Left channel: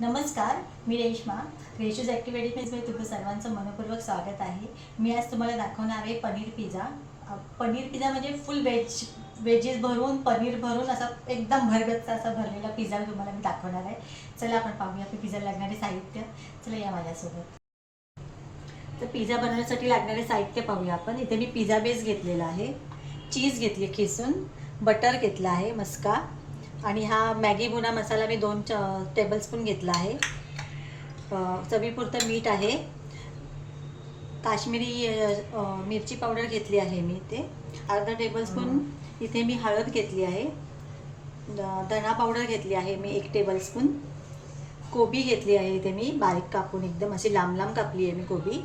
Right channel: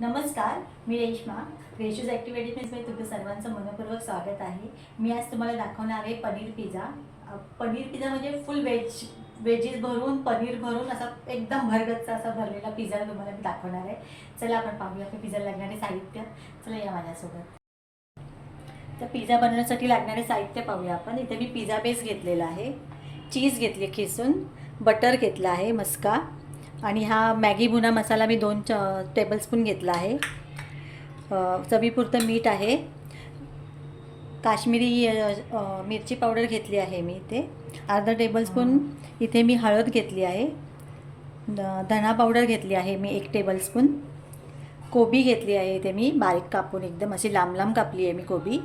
नमस्कार, मी रेश्मा. रेशूज ॲक्टिव्हिटीजमध्ये तुमचं सर्वांचं मनपूर्वक स्वागत आहे. मी आज तुम्हाला दाखवणार आहे पनीर पिझ्झा. पनीर पिझ्झा म्हणजे फुल वेजेस भरून, पनीर भरून असा एकदम भरगच्च असा भरलेला पिझ्झा तुम्हाला मी दाखवणार आहे. चला आपण पाहूया की पिझ्झा लागणारे साहित्य. चला या माझ्यासोबत. तर पिझ्झा बनवण्यासाठी लागणारे साहित्य पाहूया आपण. इथे मी पिझ्झा बेस घेतलेला आहे, चीज घेतली खिसून, बटर घेतला आहे मस्का, आणि हा मॅगी भुना मसाला मी 2 टेबलस्पून घेतला आहे. चवीपुरतं मीठ आहे, काश्मीरी मिरची पावडर घेतली आहे मी इथे, अर्धा टेबलस्पून. इथे मी हळद घेतली आहे, धना पावडर घेतली आहे मी 1 टेबलस्पून. कोबी घेतली आहे इथे मी बारीक कापून, एकदम अशी लांब लांब कापली आहे मी कोबी.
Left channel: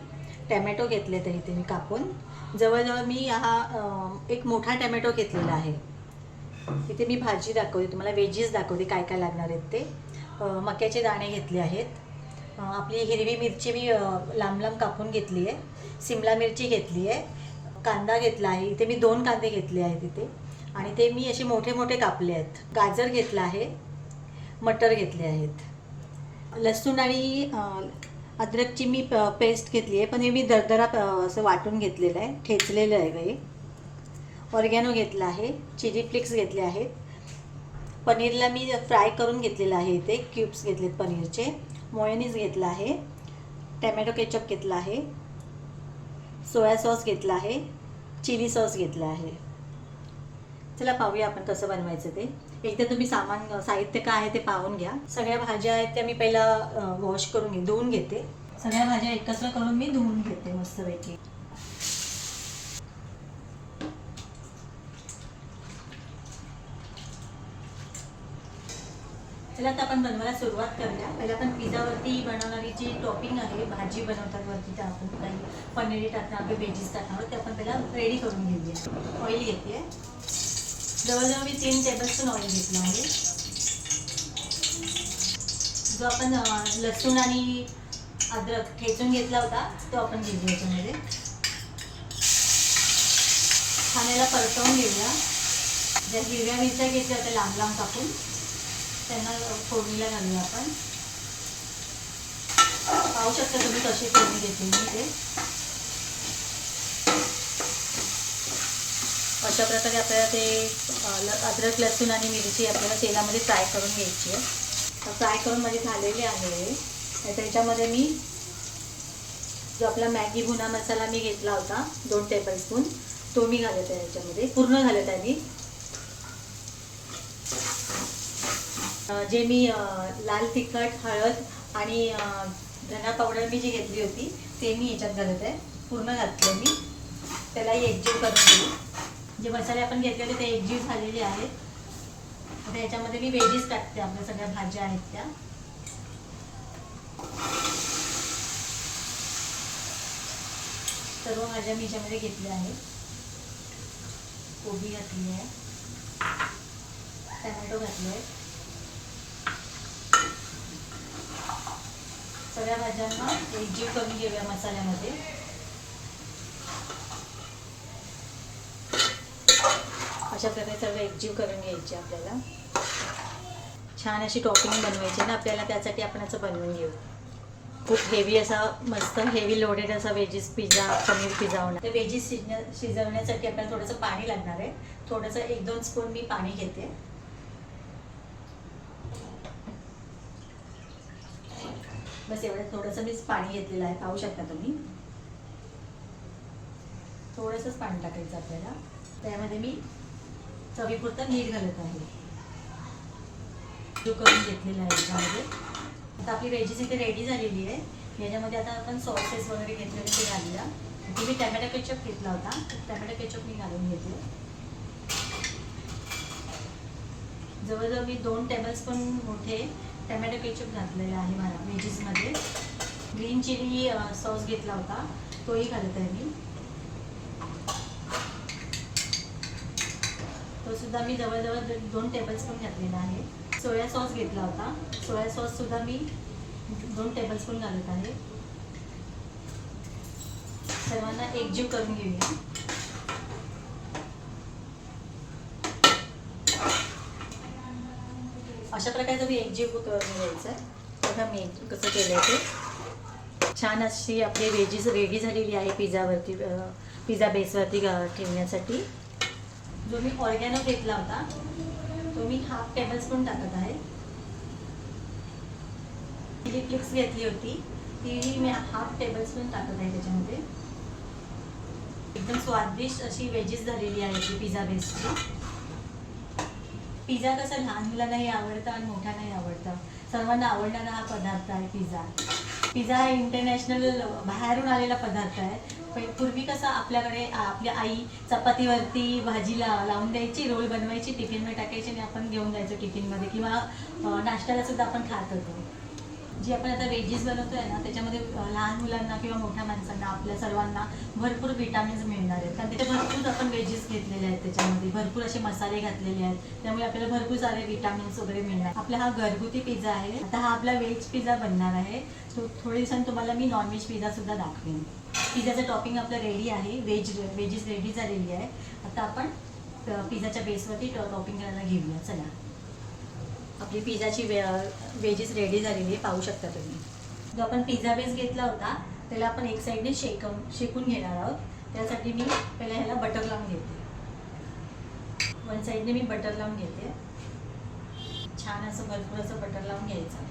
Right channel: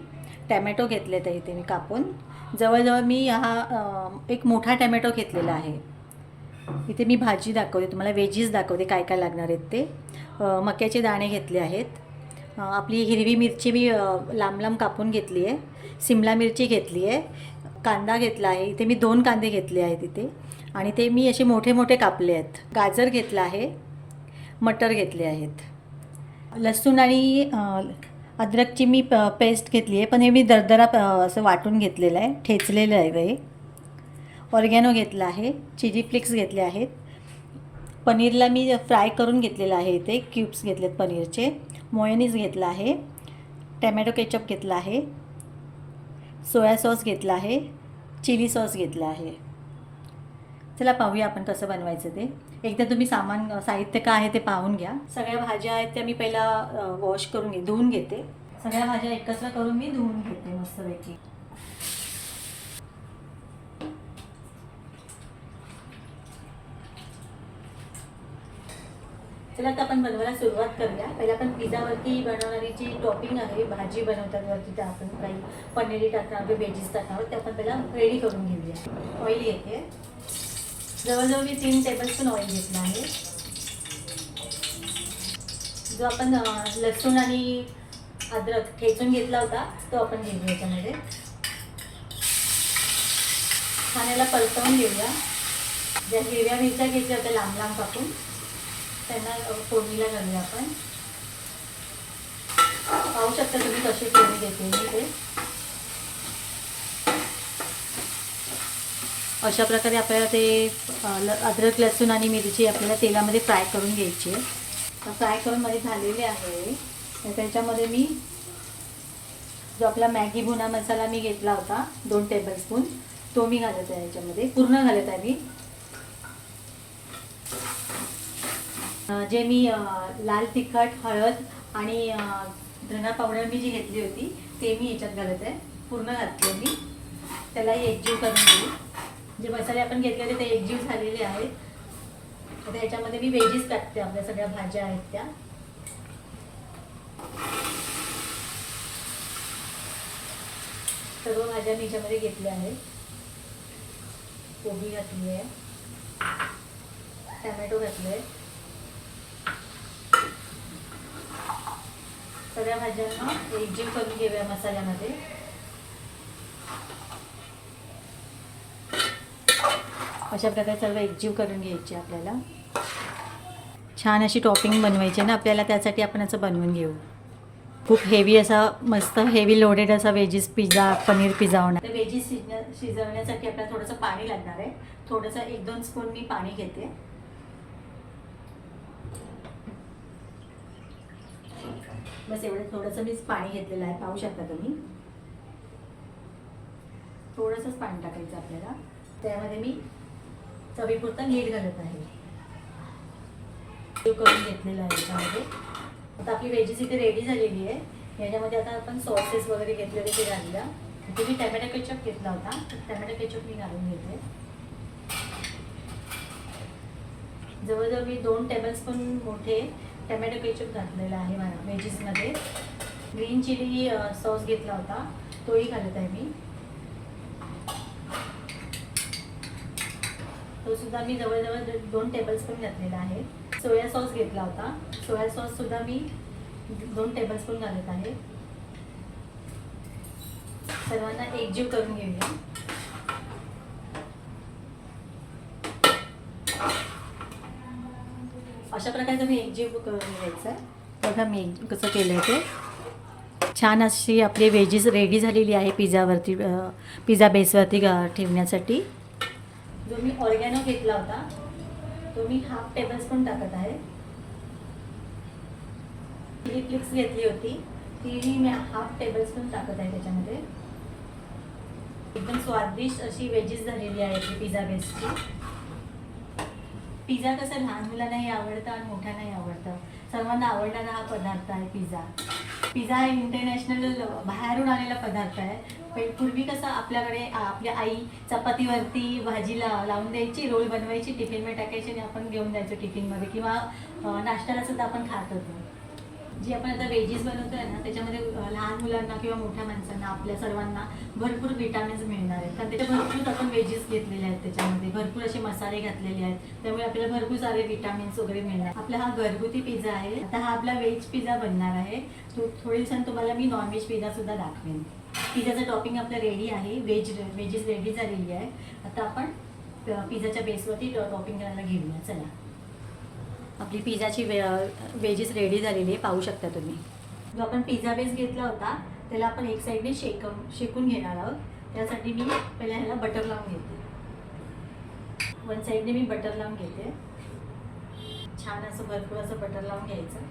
टॅमॅटो घेतले तर इथे मी कापून. जवळजवळ मी हा एक मोठा टॅमॅटो घेतलेला आहे. इथे मी भाजी दाखवते तुम्हाला, वेजीस दाखवते काय काय लागणार आहेत ते. मक्याचे दाणे घेतले आहेत, आपली हिरवी मिरची मी लांब लांब कापून घेतली आहे, सिमला मिरची घेतली आहे, कांदा घेतला आहे इथे मी 2 कांदे घेतले आहेत इथे, आणि ते मी असे मोठे मोठे कापले आहेत. गाजर घेतला आहे, मटर घेतले आहेत. लसूण आणि अद्रकची मी पेस्ट घेतली आहे, पण हे मी दरदरा असं वाटून घेतलेलं आहे, ठेचलेलं आहे हे. ऑर्गॅनो घेतला आहे, चिली फ्लेक्स घेतले आहेत. पनीरला मी फ्राय करून घेतलेलं आहे इथे, क्यूब्स घेतलेत पनीरचे. मोयोनीज घेतला आहे, टॅमॅटो केचप घेतला आहे, सोया सॉस घेतला आहे, चिली सॉस घेतला आहे. चला पाहूया आपण कसं बनवायचं ते. एकदा तुम्ही साहित्य काय आहे ते पाहून घ्या. सगळ्या भाज्या आहेत त्या मी पहिला वॉश करून धुवून घेते. सगळ्या भाज्या एकत्र करून मी धुवून घेते मस्तपैकी. चला आता आपण बनवायला सुरुवात करूया. पहिला आपण पिझ्झावरती बनवणारी जी टॉपिंग आहे, भाजी बनवतात वरती, त्या आपण काही पनीर टाकणार, आपले व्हेजीस टाकणार, ते आपण पहिला रेडी करून घेऊया. ऑइल घेते, जवळजवळ मी 3 टेबलस्पून ऑइल घेतलं आहे. जो आपण लसूण आणि अद्रक ठेचून घेतला होता तो आपण घेऊया याच्यामध्ये. खाण्याला परतवून घेऊया. ज्या हिरव्या मिरच्या घेतल्या होत्या लांब लांब कापून, त्यांना फोडणीला घालूया आपण. पाहू शकता तुम्ही कसे फोडणी घेते मी ते. अशा प्रकारे आपल्याला ते अद्रक लसूण आणि मिरची आपल्याला तेलामध्ये फ्राय करून घ्यायची आहे. फ्राय करून मध्ये झालेले आहे. त्याच्यामध्ये मी जो आपला मॅगी भुना मसाला मी घेतला होता 2 टेबलस्पून, तो मी घालत आहे याच्यामध्ये, पूर्ण घालत आहे मी. जे मी लाल तिखट, हळद आणि धना पावडर मी जी घेतली होती ते मी याच्यात घालत आहे, पूर्ण घातलं मी. त्यालाही एकजीव करून घेऊ. जे मसाले आपण घेतले होते ते एकजीव झालेले आहेत. आता याच्यामध्ये मी व्हेजीस टाकते, आपल्या सगळ्या भाज्या आहेत त्या. सर्व भाज्या मी याच्यामध्ये घेतल्या आहेत. कोबी घातली आहे, टॅमॅटो घातले, सगळ्या भाज्यांना एकजीव करून घेऊया मसाल्यामध्ये. अशा प्रकारे सर्व एकजीव करून घ्यायची आपल्याला. छान अशी टॉपिंग बनवायची ना आपल्याला, त्यासाठी आपण असं बनवून घेऊ. खूप हेवी असा, मस्त हेवी लोडेड असा व्हेजीस पिझ्झा, पनीर पिझ्झा होणार. तर व्हेजीस शिजवण्यासाठी आपल्याला थोडंसं पाणी लागणार आहे. थोडंसं 1-2 स्पून मी पाणी घेते. बस एवढं थोडंसं मी पाणी घेतलेलं आहे, पाहू शकता तुम्ही. थोडंसंच पाणी टाकायचं आपल्याला. त्यामध्ये मी चवीपुरतं मीठ घालत आहे, करून घेतलेलं आहे याच्यामध्ये. आता आपली व्हेजीस इथे रेडी झालेली आहे. याच्यामध्ये आता आपण सॉसेस वगैरे घेतलेले ते घालूया. इथे मी टॅमॅटो केचप घेतला होता, टॅमॅटो केचप मी घालून घेते. जवळजवळ मी 2 टेबलस्पून मोठे टॅमॅटो केचप घातलेला आहे माझ्या व्हेजीसमध्ये. ग्रीन चिली सॉस घेतला होता, तोही घालत आहे मी. तो सुद्धा मी जवळजवळ 2 टेबलस्पून घातलेला आहे. सोया सॉस घेतला होता, सोया सॉस सुद्धा मी 2 टेबलस्पून घालत आहे. सर्वांना एकजीव करून घेऊया. अशा प्रकारे तुम्ही एकजीव करून घ्यायचं आहे. बघा मी कसं केलं ते. छान अशी आपली व्हेजीज रेडी झालेली आहे पिझ्झावरती, पिझ्झा बेसवरती ठेवण्यासाठी. जो मी ऑर्गॅनो घेतला होता तो मी 1/2 टेबलस्पून टाकत आहे. चिली फ्लेक्स घेतली होती तीही मी 1/2 टेबलस्पून टाकत आहे त्याच्यामध्ये. एकदम स्वादिष्ट अशी व्हेजीज झालेली आहे ती पिझ्झा बेसची. पिझ्झा कसा लहान मुलांनाही आवडतं आणि मोठ्यांनाही आवडतं. सर्वांना आवडणारा हा पदार्थ आहे पिझ्झा. पिझ्झा हा इंटरनॅशनल बाहेरून आलेला पदार्थ आहे. पूर्वी कसं आपल्याकडे आपल्या आई चपातीवरती भाजीला लावून द्यायची, रोल बनवायची, टिफिनमध्ये टाकायची आणि आपण घेऊन जायचो टिफिनमध्ये, किंवा नाश्त्याला सुद्धा आपण खात होतो. जी आपण आता व्हेजीज बनवतो आहे ना त्याच्यामध्ये लहान मुलांना किंवा मोठ्या माणसांना आपल्या सर्वांना भरपूर विटामिन्स मिळणार आहेत. कारण त्याच्या भरपूर आपण व्हेजीज घेतलेले आहेत, त्याच्यामध्ये भरपूर असे मसाले घातलेले आहेत, त्यामुळे आपल्याला भरपूर सारे विटामिन्स वगैरे मिळणार. आपला हा घरगुती पिझ्झा आहे. आता हा आपला व्हेज पिझ्झा बनणार आहे. तो थोड्या दिवसांनी तुम्हाला मी नॉनव्हेज पिझ्झा सुद्धा दाखवेन. पिझ्झाचं टॉपिंग आपलं रेडी आहे, व्हेजीज रेडी झालेली आहे. आता आपण पिझ्झाच्या बेसवरती टॉपिंग करायला घेऊया. चला, आपली पिझ्झाची व्हेजीस रेडी झालेली आहे, पाहू शकता तुम्ही. जो आपण पिझ्झा बेस घेतला होता त्याला आपण एक साईडने शेकून घेणार आहोत. त्यासाठी मी पहिला ह्याला बटर लावून घेते. वन साईडने मी बटर लावून घेते. छान असं भरपूर असं बटर लावून घ्यायचं,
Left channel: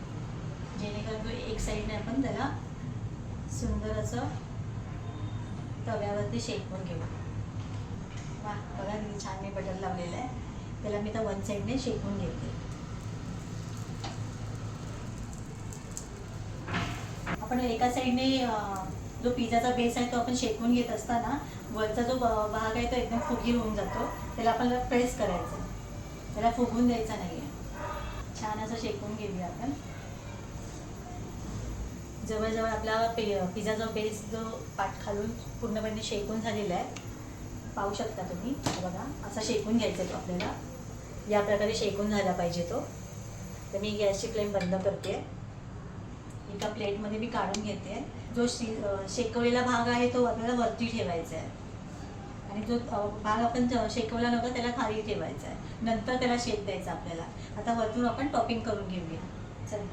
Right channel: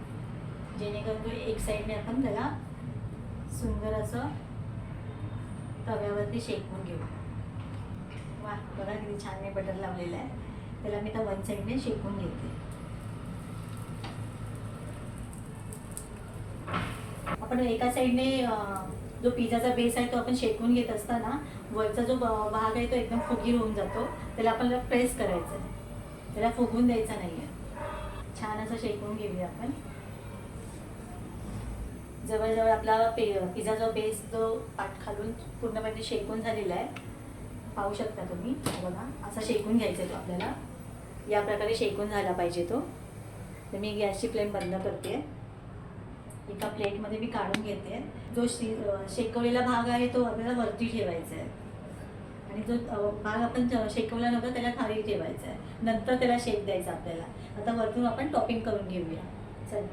जेणेकरून तो एक साईडने आपण त्याला सुंदर असं तव्यावरती शेकून घेऊ. वा, बघा किती छान मी बटर लावलेलं आहे. त्याला मी तर वन साईडने शेकून घेते. आपण एका साईडने जो पिझ्झाचा बेस आहे तो आपण शेकून घेत असताना वरचा जो भाग आहे तो एकदम फुगीर होऊन जातो. त्याला आपल्याला प्रेस करायचं आहे, त्याला फुगून द्यायचा नाही आहे. छान असं शेकून घेऊया आपण. जवळजवळ आपला पिझ्झाचा बेस जो पाठ खालून पूर्णपणे शेकून झालेला आहे, पाहू शकता तुम्ही. बघा, असा शेकून घ्यायचा तो आपल्याला. या प्रकारे शेकून झाला पाहिजे तो. तर मी गॅसची फ्लेम बंद करते. एका प्लेटमध्ये मी काढून घेते. जो शेकवलेला भाग आहे तो आपल्याला वरती ठेवायचा आहे आणि जो भाग आपण शेकवला नव्हता त्याला खाली ठेवायचा आहे. नंतर त्याला शेक द्यायचा आपल्याला. आता वरतून आपण टॉपिंग करून घेऊया. चल,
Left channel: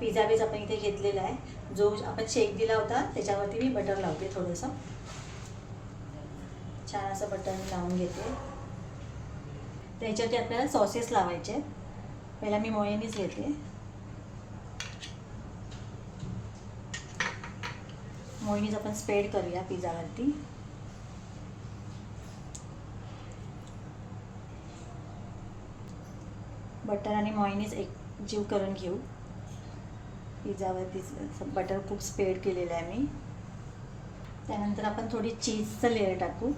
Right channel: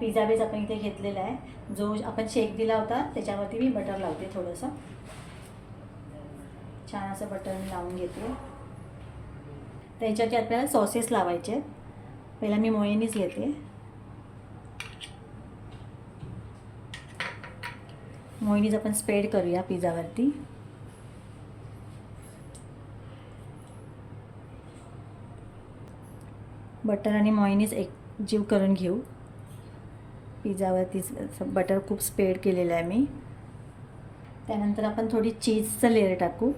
पिझ्झा बेस आपण इथे घेतलेला आहे. जो आपण शेक दिला होता त्याच्यावरती मी बटर लावते थोडंसं. छान असं बटर लावून घेते. त्याच्यावरती आपल्याला सॉसेस लावायचे. पहिला मी मेयोनीज घेते. मेयोनीज आपण स्प्रेड करूया पिझ्झावरती. बटर आणि मेयोनीज एकजीव करून घेऊ. पिझ्झावरती बटर खूप स्प्रेड केलेलं आहे मी. त्यानंतर आपण थोडी चीजचं लेयर टाकू.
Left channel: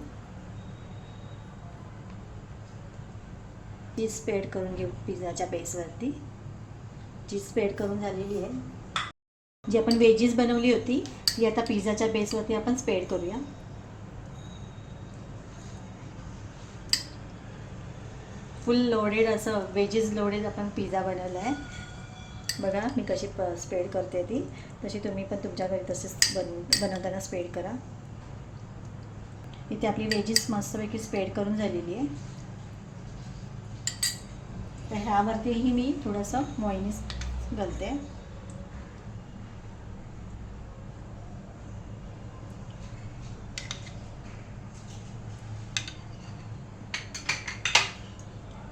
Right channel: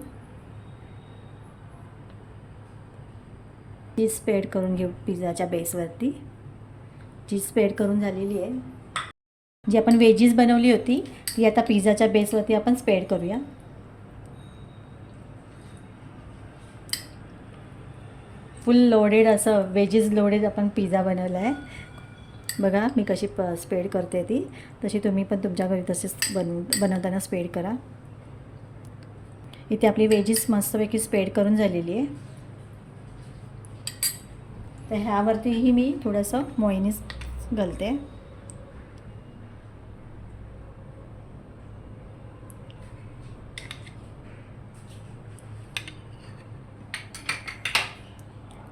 चीज स्प्रेड करून घेऊ पिझ्झाच्या बेसवरती. चीज स्प्रेड करून झालेली आहे. जी आपण व्हेजीज बनवली होती ती आता पिझ्झाच्या बेसवरती आपण स्प्रेड करूया. फुल लोडेड असं व्हेजीज लोडेड आपण पिझ्झा बनवला आहे. बघा मी कशी स्प्रेड करते ती. तशी तुम्ही पण तुमच्या घरी तसेच बनवताना स्प्रेड करा. इथे आपली व्हेजीज मस्तपैकी स्प्रेड करून झालेली आहे. तर ह्यावरतीही मी थोडंसं मेयोनीज घालते.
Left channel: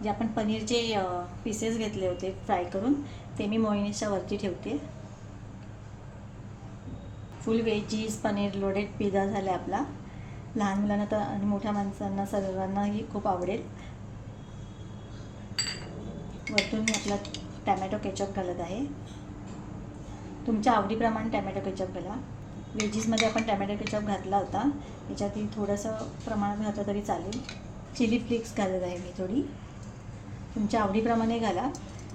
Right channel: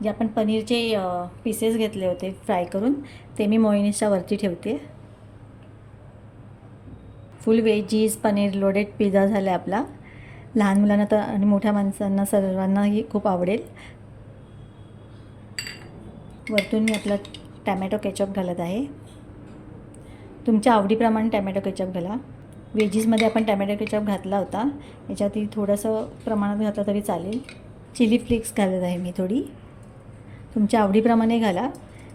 जे आपण पनीरचे पीसेस घेतले होते फ्राय करून ते मी मेयोनीजच्या वरती ठेवते. फुल व्हेजीज पनीर लोडेड पिझ्झा झाला आपला. लहान मुलांना तर आणि मोठ्या माणसांना सर्वांनाही खूप आवडेल. वरतून मी आपला टॅमॅटो केचप घालत आहे. तुमच्या आवडीप्रमाणे टॅमॅटो केचप घाला. व्हेजीजमध्ये आपण टॅमॅटो केचप घातला होता, याच्यातही थोडंसं प्रमाणात घातलं तरी चालेल. चिली फ्लेक्स घालत आहे मी थोडी. तुमच्या आवडीप्रमाणे घाला,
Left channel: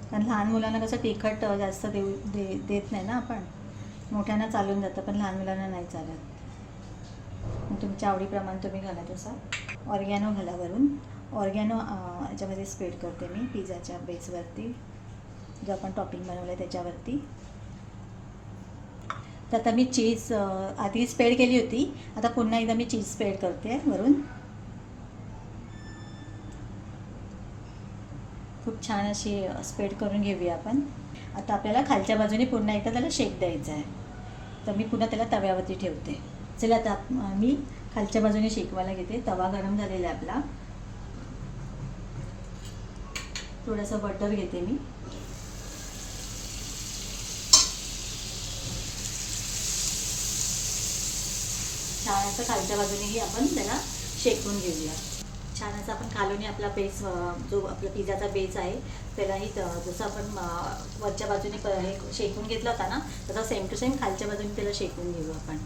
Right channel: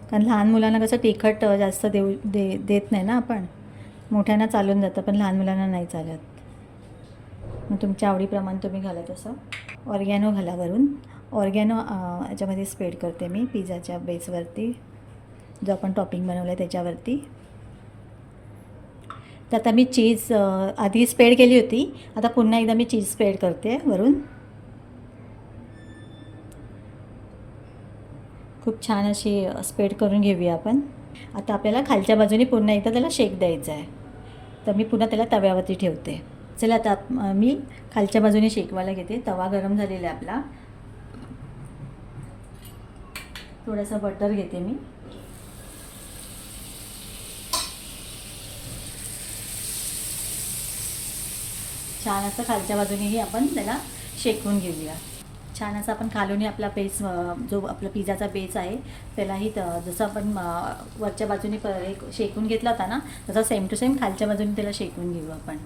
कारण लहान मुलांना कसं तिखट जास्त देत नाही ना आपण. मोठ्यांना चालून जातं पण लहान मुलांना नाही चालत. मग तुमच्या आवडीप्रमाणे तुम्ही घाला तसं. ऑर्गॅनो घाला वरून. ऑर्गॅनो याच्यामध्ये स्प्रेड करते मी पिझ्झाच्या बेसवरती, जो आपण टॉपिंग बनवलं आहे त्याच्यावरती. तर आता मी चीज आधी स्प्रेड केली होती, आता पुन्हा एकदा मी चीज स्प्रेड करते वरून. खूप छान अशी स्प्रेड करून घेऊया आपण. आता आपल्याला खालच्या बाजूने पुन्हा एकदा त्याला शेक द्यायचा आहे. तर मी पुन्हा त्याला तव्यावरती ठेवते. चला आता मी खालच्या बाजूने शेकवायला घेते. तवा गरम झालेला आहे आपला. थोडंसं बटर घेते मी. छान असं खालच्या बाजूनेही आपण त्याला शेकवून घेऊया. छान असं आपण खालून आपला बेस जो आपला पिझ्झाचा बेस आहे त्यालाही जसं आपण वरच्या बाजूने शेकून घेतला होता ना, तसा सेम टू सेम खालच्या बाजूने त्याला शेकून घेऊ आपण.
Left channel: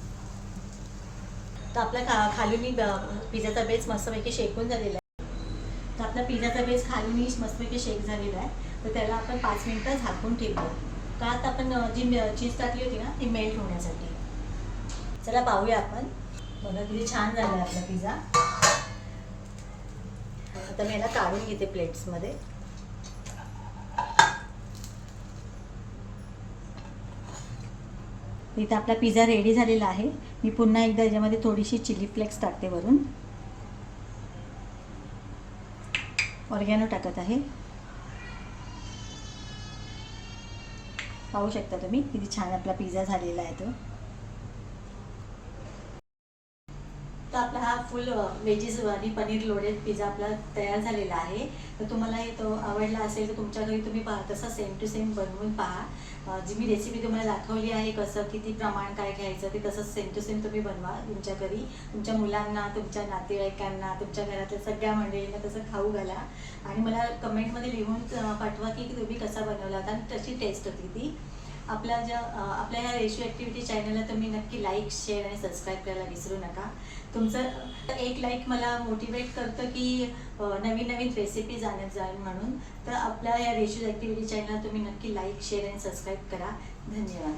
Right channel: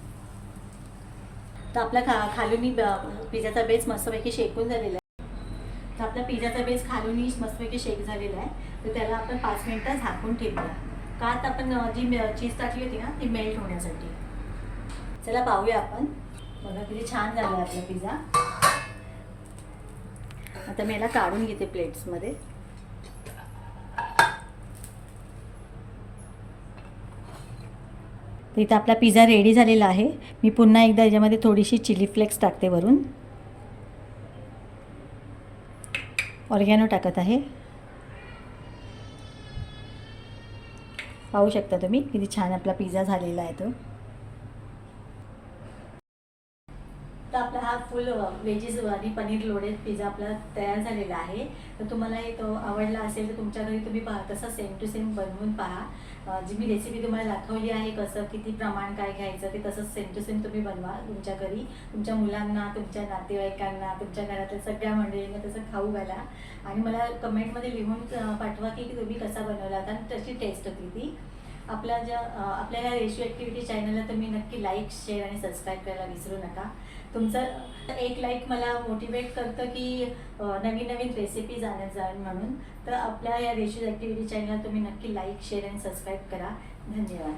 तर आपला खालून पिझ्झाचा बेस मस्तपैकी शेकून झालेला आहे. तर आपला पिझ्झाचा बेस खालून मस्तपैकी शेक झालेला आहे. तर त्याला आपण 5 मिनिटं झाकून ठेवूया. का आता आपण जी चीज टाकली होती ना ती मेल्ट होण्यासाठी. चला पाहूया आपण. बघा किती छान झाला आपला पिझ्झा. आता मी याला काढून घेते प्लेट्समध्ये. इथं आपला पिझ्झा रेडी झालेला आहे. मी पुन्हा एकदा याच्यामध्ये थोडीशी चिली फ्लेक्स टाकते वरून. ऑर्गॅनो टाकत आहे. पाहू शकता तुम्ही किती छान आपला पिझ्झा झालेला आहे तो. तर आपला हा फुल व्हेजीज आणि पनीर लोडेड पिझ्झा आपला तयार झालेला आहे. तर तुम्हालाही तो आवडला असेल तर तुमच्या घरी तुम्ही तसा सेम टू सेम बनवून पहा. जी मी रेसिपी तुम्हाला दाखवली आहे कसं किती प्रमाण काय घ्यायचं ते तसंच सेम टू सेम तुम्ही बनवा तुमच्या घरी. तुमच्या मुलांना, तुमच्या नातेवाईकांना, तुमच्या घरातल्या सगळ्या मंडळींना तसं खाऊ घाला. आणि मला कमेंटमध्ये लिहून पाठवा की तुम्ही कसा बनवला होता आणि कशी टेस्ट होती ती. आपल्या या रेशो ॲक्टिव्हिटी चॅनलला तुम्ही नक्की लाईक, शेअर आणि सबस्क्राईब करायला विसरू नका. तुमचं एक लाईक मला मोटिवेट करतं की नवीन नवीन रेसिपीज आणत जाईल म्हणून. तर आपल्या या रेशो ॲक्टिव्हिटी चॅनलला तुम्ही नक्की लाईक, शेअर आणि सबस्क्राईब करा. धन्यवाद.